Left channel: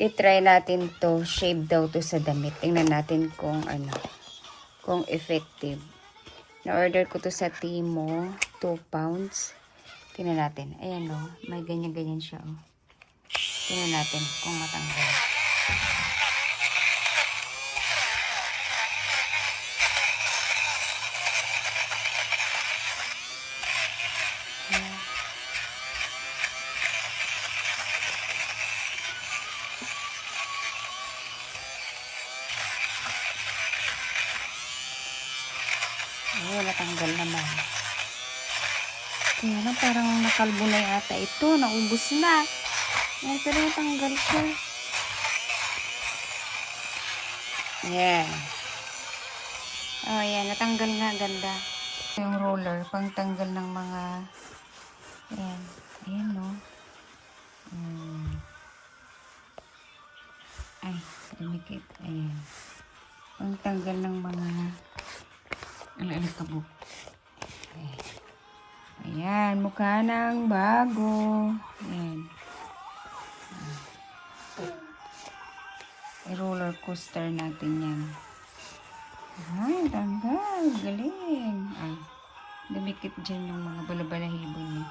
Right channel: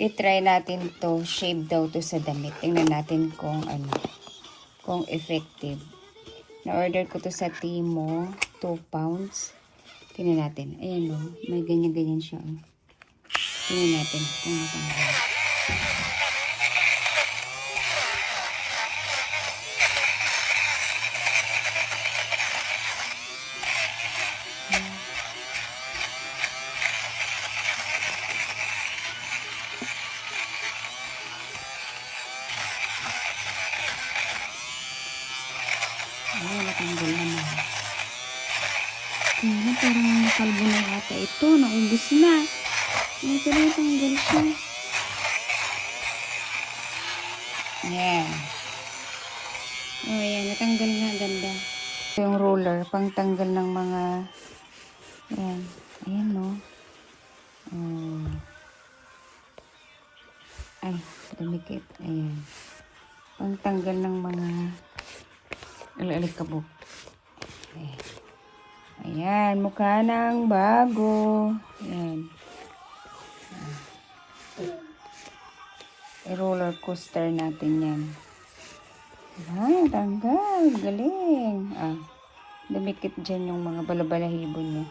I-try natin to. Shave daw to sa damit. Tingnan natin kung ano. Kung effective. Na-order ko to sa Timo. 2 pounds. Tingnan natin. Ayan o. May ganyan-ganyan siya o. Tingnan natin kung matanggal. Ayan, natanggal naman. Kaya lang, parang nakalbo na yata ito. Naubos na. Ayan, pero natanggal siya. Ayan. Oh, ayan. Natanggal na. Ganda. Ito yung roller. Pangtanggal ng mga... Ayan. Ayan, no. Ay, dumikit. Ayan. Pangtanggal ng mga... Alikabok. Ayan, mukha ng bago. Ayan. I-roller coaster natin yan. Ay, tanggal. Galing. Dumikit dyan yung mga balabalahibo niya.